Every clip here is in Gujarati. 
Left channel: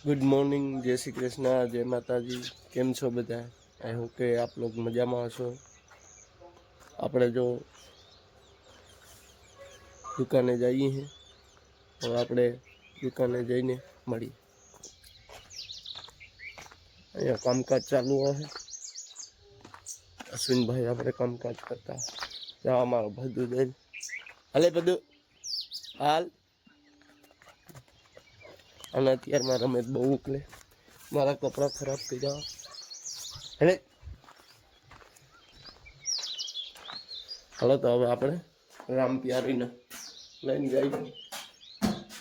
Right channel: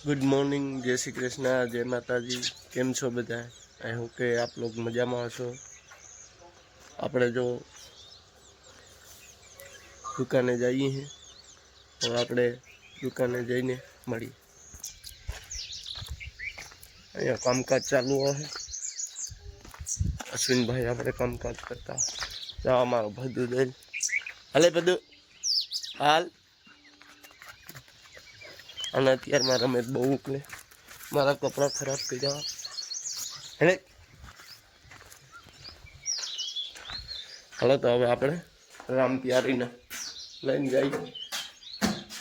ગુડ મોર્નિંગ જય શ્રી કૃષ્ણ, જય માતાજી. કેમ છો બધા? આઈ હોપ કે આપ લોગ મજામાં હશો. આપણે જો દુકાને જઈએ છીએ હવે આપણે દુકાને જઈને મળીએ. અહીંયા કામકાજ ચાલુ હોય અશ્વિનભાઈ આપણે કામકાજ કરતા જવા અમારો બધું દઈ હાલે બધું હાલ. અને અત્યારે મારા મેં બહુ ઉકલે મારા કપડાં ખરાબ થઈ જવા. એટલે હાલો તો હવે આપણે રામ પ્યારીને લઈને જઈએ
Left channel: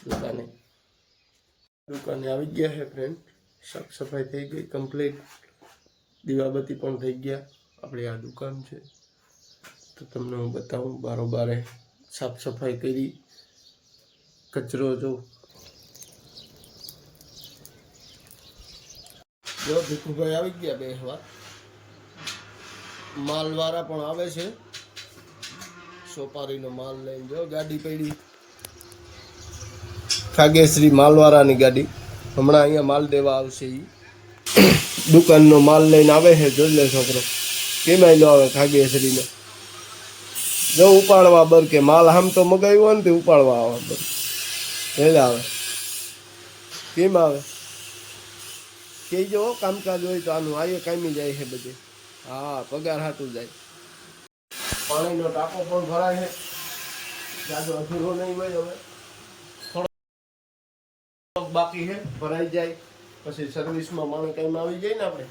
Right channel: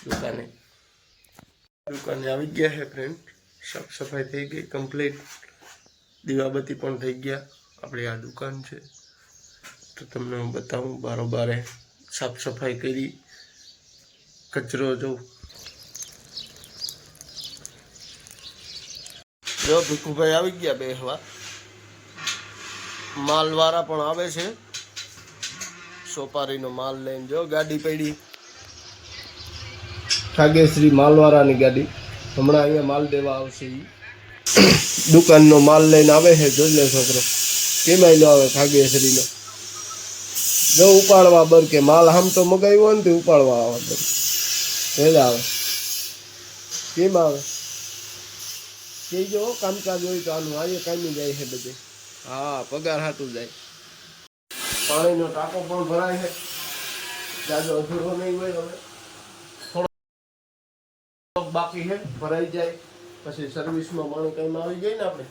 દુકાને. દુકાને આવી ગયા છે ફ્રેન્ડ સાફ સફાઈ થઈ ગઈ કમ્પ્લીટ દીવાબત્તી પણ થઈ ગયા. આપણી આ દુકાન છે. તો તમને હું બતાવું, બારોબારે સાફ સફાઈ કરી. કચરો જો જો ભીખુભાઈ આવી ગયા બે હવા. માલવાળા પણ આવે છે. સોપારીનો માલ લઈને જો ગાડી પડી. ખાગેશ્રી માલવાળાની ગાડી. હમણાં અહીંયા માલ દેવા આવશે એ દુકાનનો માલ લઈને આવે છે, જોઈ લે છોકરો. કેમ આયલો આવે ખાગેશ્રીનો જો ઉપાડવા બર કે માલ આમ તો મગાવ્યો ને તે ઉપાડવા આવે બર. એટલે આવે. કેમ આવે? કહેજો કામકાજ હોય તો આનું આયે કામી જાય છે બધે. હા, પગાર હાટું જાય. પાણીનો ટાંકો પણ ભરાય છે. જાજો અધૂરો નહીં હોય હવે. થોડો બાકી છે, ભરાઈ જાય. પછી સર્વિસમાં પાણી કાંઈ આવી જાય ને આપણે.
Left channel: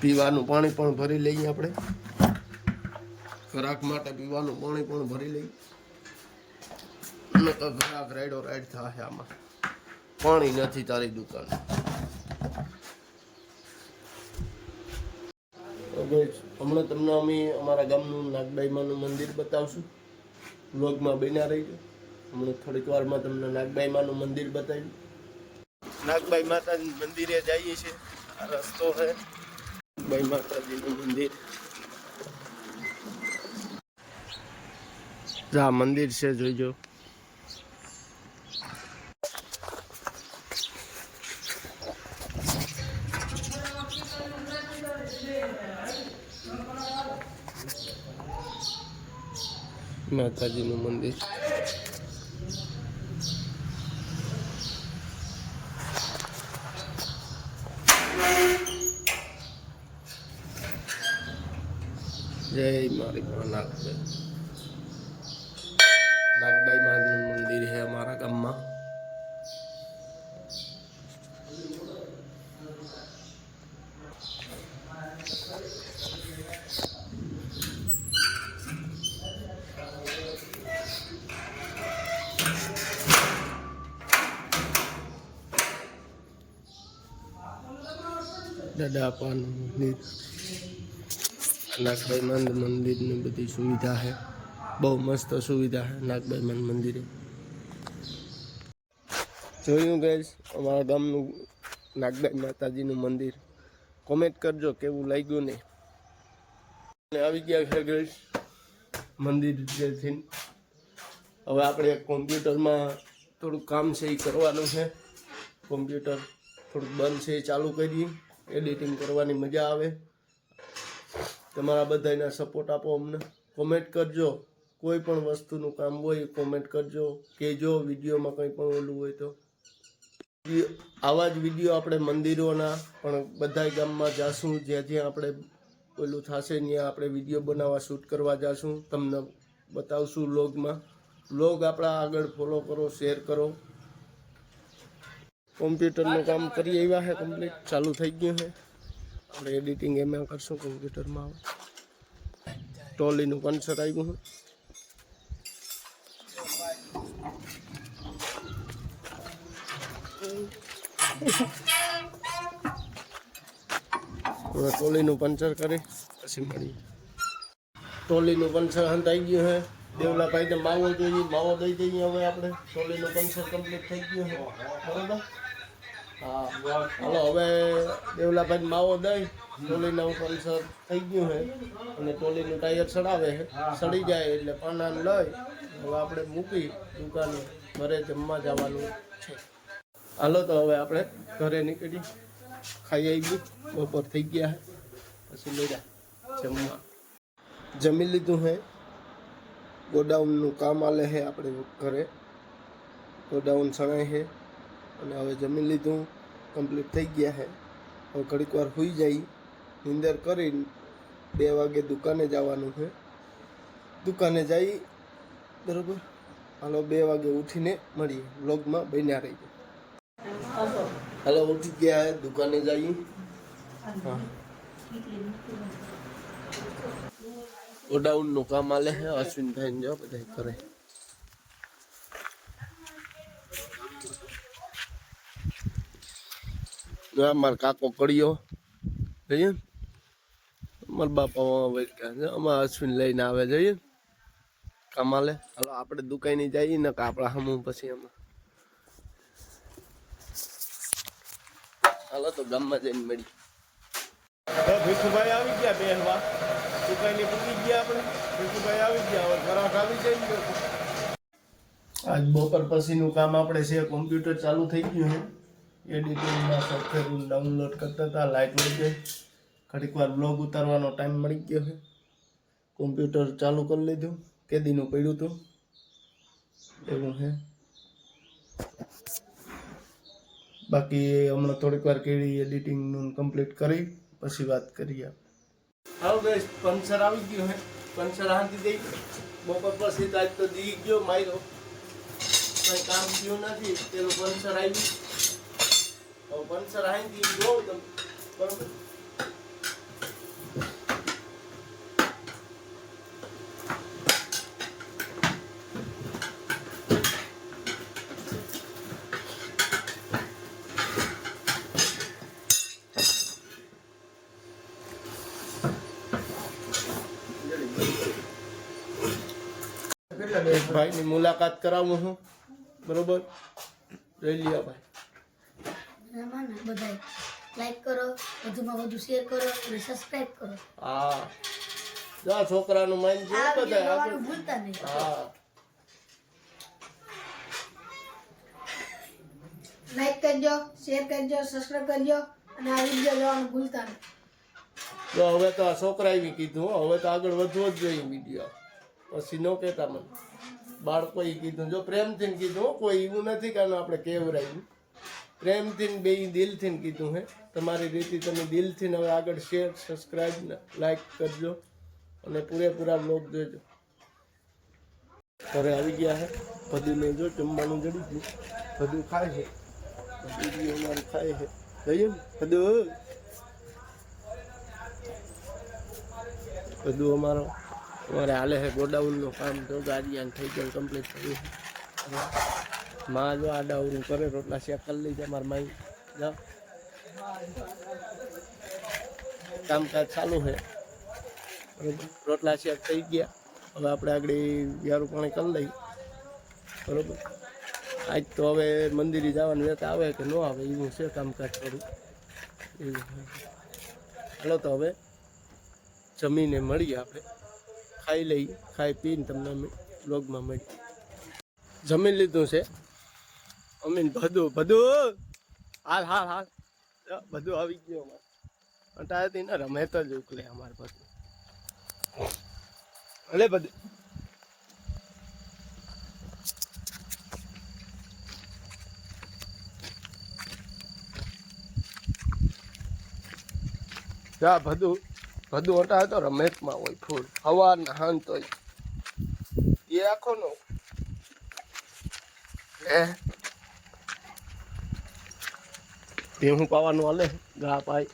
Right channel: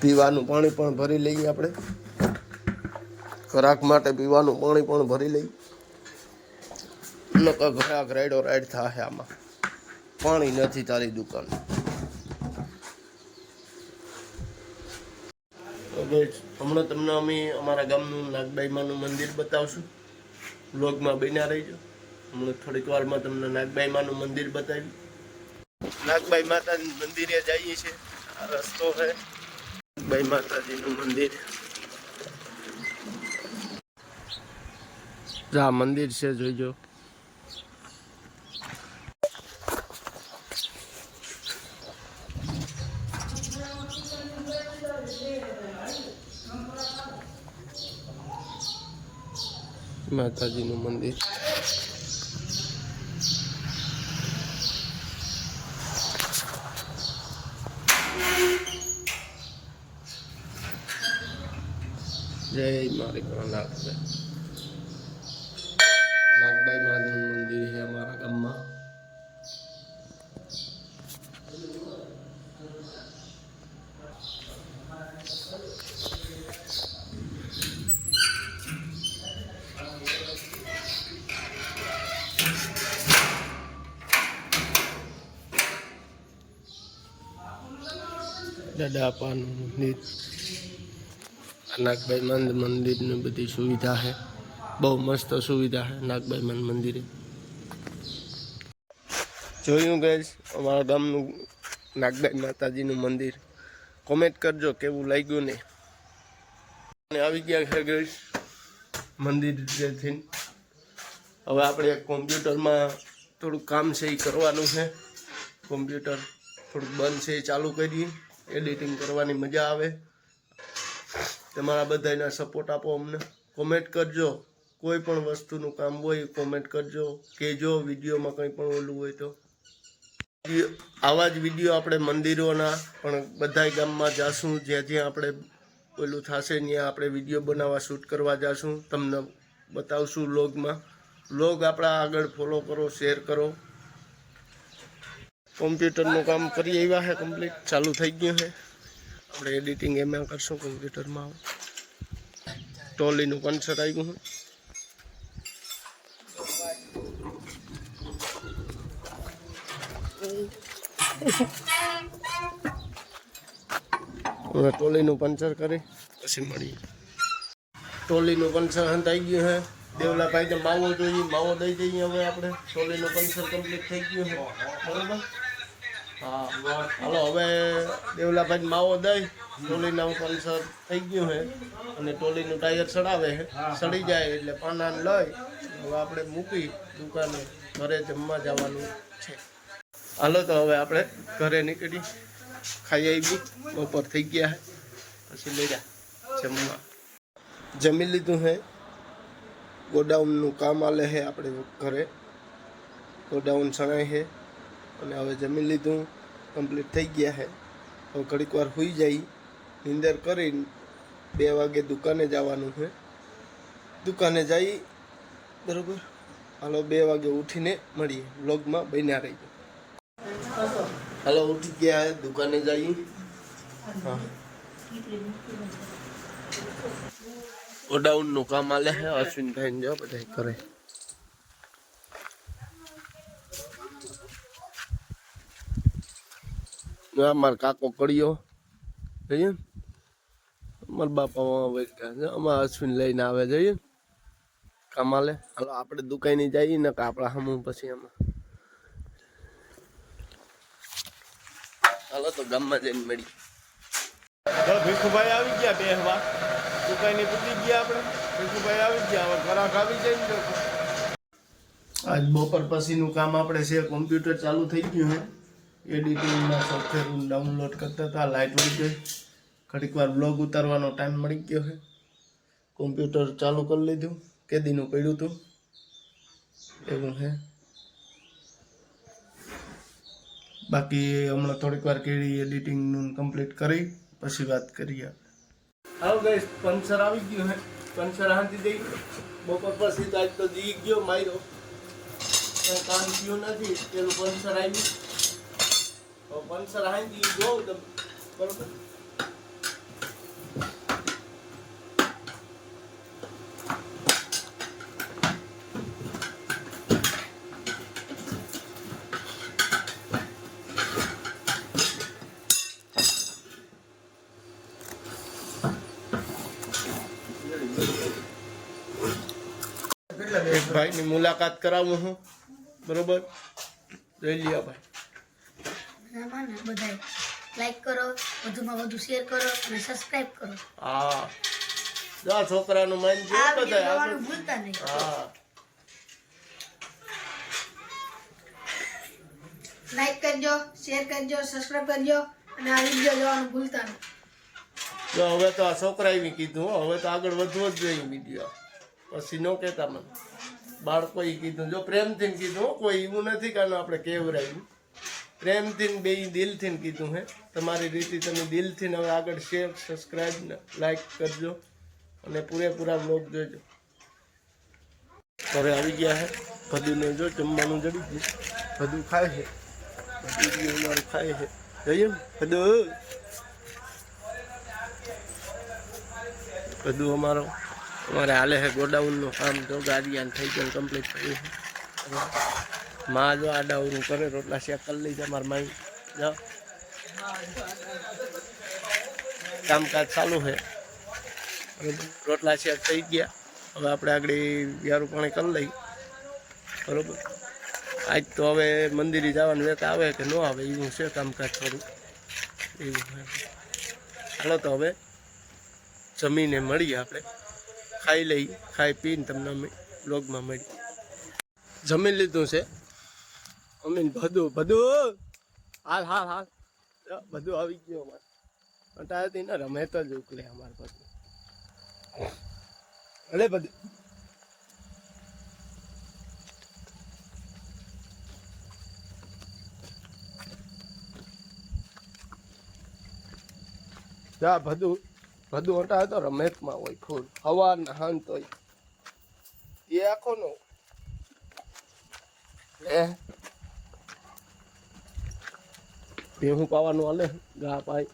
પીવાનું પાણી પણ ભરી લઈએ આપણે. ખોરાક માટે પીવાનું પાણી પણ ભરી લઈએ. નકર ઘરાક રાઈડો રાઈડ થાય આમાં. પાણી નથી તારી દુકાન. હમણાં તમને અમે અમારા ગામનું નાગબાઈમાનું મંદિર બતાવશું. બ્લોગમાં બન્યા રહીજો. હમણાં થોડીક વારમાં તમને નાગબાઈમાનું મંદિર બતાવ્યું નાગબાઈ માતાજી મંદિરે જઈએ છીએ. આ રસ્તો છે. નાગબાઈ માતાજીનું મંદિર. જા, મંદિર છે, જોઈજો. માતાજીનું મંદિર. જય મારી નાગભાઈ. નાગભાઈ માનું મંદિર છે અમારા ગામમાં. દાદાપાનું મંદિર, નાગભાઈ મંદ મંદિરની બધી સુવિધા છે. બહુ મસ્ત સુવિધા છે નાગભાઈ મંદ મંદિરે. જોયું ગઈશ અમારા ગામનું નાગભાઈ માતાજીનું મંદિર. કોમેન્ટ કરજો કેવું લાગ્યું ને? અને આવી ગયા છે ગઈશ મંદિર જેથી હવે આપણે કોમ્પ્યુટરમાં થોડુંક કામ છે એ કરવાનું છે. કોમ્પ્યુટર થોડુંક બંધ છે એ ચાલુ કરીએ. એડિટિંગ કરવાની મજા આવે. તમારા બધાના સપોર્ટ આપો અમને. કોમેન્ટ કરજો. કોઈ પણ વસ્તુનું કામ હોય કોમેન્ટ કરજો. કહેજો, વિડીયોમાં કંઈ પણ ઓલું હોય તો. આવા જ વીડિયો આપણે મંદિરોના, પણ બધાય ગામમાં જાશું. જ્યાં જ્યાં આપણે ઓલું થશે, ત્યાં આપણે વીડિયો બનાવવા શૂટ કરવા જાશું. તમને બતાવશું લોગમાં લોગ આપણા આગળ ફોલો કરો શેર કરો. કોમ્પ્યુટરનું કામ કરી આવ્યા છે કમ્પ્લીટ ચાલુ થઈ ગયું છે આપણે એડિટિંગ એમાં કરશું કોમ્પ્યુટરમાં આવે ટોલીનું કન્સર્ટ આવ્યું છે હવે ટોલીનું પંચર કરી, પછી મળીએ. ટોલીનું પંચર હંતાઈ ગયું છે દેવલાભાઈને માવો જોઈએ, માવો દઈ દઈએ હવે આપણે. ટોલીનું પંચર કમ્પ્લીટ થઈ ગયું છે બરોબર? હા હાલો હવે દેવલાભાઈ માવો દઈ. ટોલીના પંચર થઈ ગયું છે અને ટોલીનું ટાયર ચડાવે છે સડી જાય એટલે પાનાને લઈ. હવે આપણે મૂકી દુકાને ઘરે જમવા જવાનું છે. હાલો તો હવે આપણે ઘરે નીકળી. ખાઈ આવી બપોર થઈ ગયા હે. પછી લઈ જમવા. જમી લીધું હે. ગોડાઉનનું કામ આલે છે આપણે ઘરે. ગોડાઉન સણાય છે અને હવે જમી લીધું કમ્પ્લીટ થઈ ગયા છે. હવે ઘડીક વાર સુઈ જાય, નિંદર કરી બે વાગે દુકાને જવાનું છે. દુકાને જઈ બરોબર? હાલો, બે વાગે ઉઠીને મળીએ. બ્લોગમાં બન્યા રહીએ હાલો, ઉઠી ગયા, દુકાને જઈએ. હા. ઓડાઉનનું કામ આલે છે અશ્વિનભાઈ જો બધા કરે. આ મારો કાકો કડિયો. જઈએ. અમારા બાપા વૈકા છે અમારા અશ્વિન લઈને આવે જઈએ. કમાલે. હાલો આપણે દુકાને જઈએ ને કે આપણા હમું પછી એમાં. હાલો તો ગામમાં જઈને મળી ભીખુભાઈ આવી ગયા બેહવા. દુકાને પૂકી ગયા આપણે. ભીખુભાઈ આવી ગયા. હવે ખોરાક આવી જાય ને આજ બપોર પછીનું કામ આપણે છે કોમ્પ્યુટર ચાલુ થઈ ગયું છે. એડિટિંગના સોફ્ટવેર ડાઉનલોડ કરતા હતા લાઇટ વળી ગઈ. ઘડીક વાર બ્લોગ ઉતારવાનો ટાઈમ મળી ગયો છે. કોમ્પ્યુટર ચાલુ કરી લીધું, કેદીનું પડ્યું હતું. એવું છે. બાકી હમણાં થોડીક વાર કેળી એડિટિંગનું કમ્પ્લીટ કરી, પછી વાત કરીએ હવે ગઈ પંચર આવી ગયો હે પંચર હાંતી દઈ. બપોર પછી તો આજ તો દી ગયો, માર્યો. કંઈ કામ થયું નથી, પેલું પંચર આવ્યું. પંચર હાંતી જોઉં તમે બરોબર. એક ભાઈની મુલાકાત કરાવું હું. બરોબર? જોઈ લ્યો ભાઈ. આમાં બધાય લાઈક કરો વધુમાં વધુ શેર કરો અને સબસ્ક્રાઇબ કરો. હા. જો છોકરાનું મન જો બધાય આગળ ભૂલતા નહીં. હા. લાઈક કરજો શેર કરજો સબસ્ક્રાઇબ કરજો અને આ વિડિયો જોવાનું ભૂલતા નહીં. જો હવે તો આ છોકરા એવી કીધું હવે તો આગળ વધવો જ જોઈએ વીડિયો પછી નો કહેતા મને. બાળકોએ કીધું જો પ્રેમથી કીધું કોઈ એવું નથી કારણ આપણે આપણે કેવરાયું પ્રેમથી બે દિલથી કીધું હે. તમારી રીતે તમે દિલથી હવે આગળ શેર સબસ્ક્રાઈબ લાઈક કરજો અને પૂરેપૂરા બ્લોગ જોજો. ઘરે આવી ગયા હે. બધું જો જમવાનું જડી ગયું. બધું ખાય છે. અમારું ખાય છે. ને બધું બધું અમારો, અમારે હાલે છે ગોડાઉનનું કામ. જો ગાડી થઈ ગયું કમ્પ્લીટ થયું છે માં જો આડાવરું કરે, રોટલા શેક કરી લઈ જાય મારા માઈ. જાઓ કામકાજ ચાલુ છે. રોટલા શેક થઈ ગયા. હવે આપણે આગળ વ્યારું પાણી કરી લઈ બરોબર? આજ તો હવે મંદિરે જવાનું વેત આવે કે ન આવે, એવું છે કામકાજ થોડું. એવું હાલો તો હવે જમીને મળીએ આપણે. ખાઈ લઈ ખાઈ પીને તમને અમે બ્લોગમાં મળીએ. જમી લીધું છે. અમીન બધું બધું. હાલ હાલ હાલ. બધું આવી ગયું અમારે. અંટાથી તેને રમે તો જ ઉકલે અમારે બધું. ભલે બધું. જા, બધું બધું હટા તો રમેશમાં હોય, ફૂલ. હવા નહાન તો એ આખો નો. હે? ભેહું પાવાનું હાલે ગા પાય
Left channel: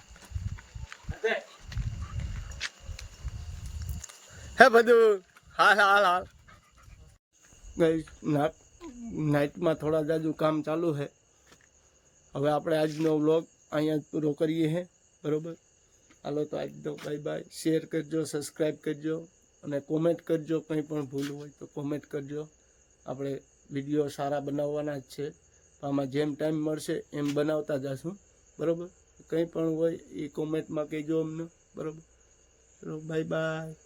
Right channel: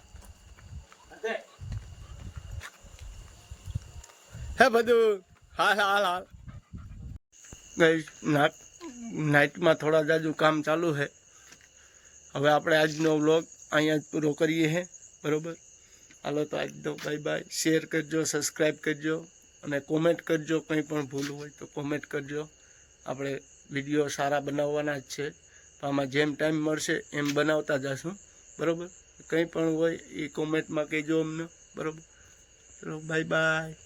હે બધું હાલ હાલ હાલ ગઈ નાટ નાઇટમાં થોડા જાજુ કામ ચાલુ છે હવે આપણે આજનો વ્લોગ અહીંયા જ પૂરો કરીએ હે બરોબર હાલો તો આજનો બાય બાય શેર કરજો સબસ્ક્રાઈબ કરજો અને કોમેન્ટ કરજો કંઈ પણ ભૂલ હોય તો કોમેન્ટ કરજો આપણે વીડિયો સારા બનાવવાના જ છે. આમાં જેમ ટાઈમ મળશે એમ બનાવતા જશું. બરાબર? કંઈ પણ હોય એ કોમેન્ટમાં કહેજો અમને. બરાબર? ચલો બાય બાય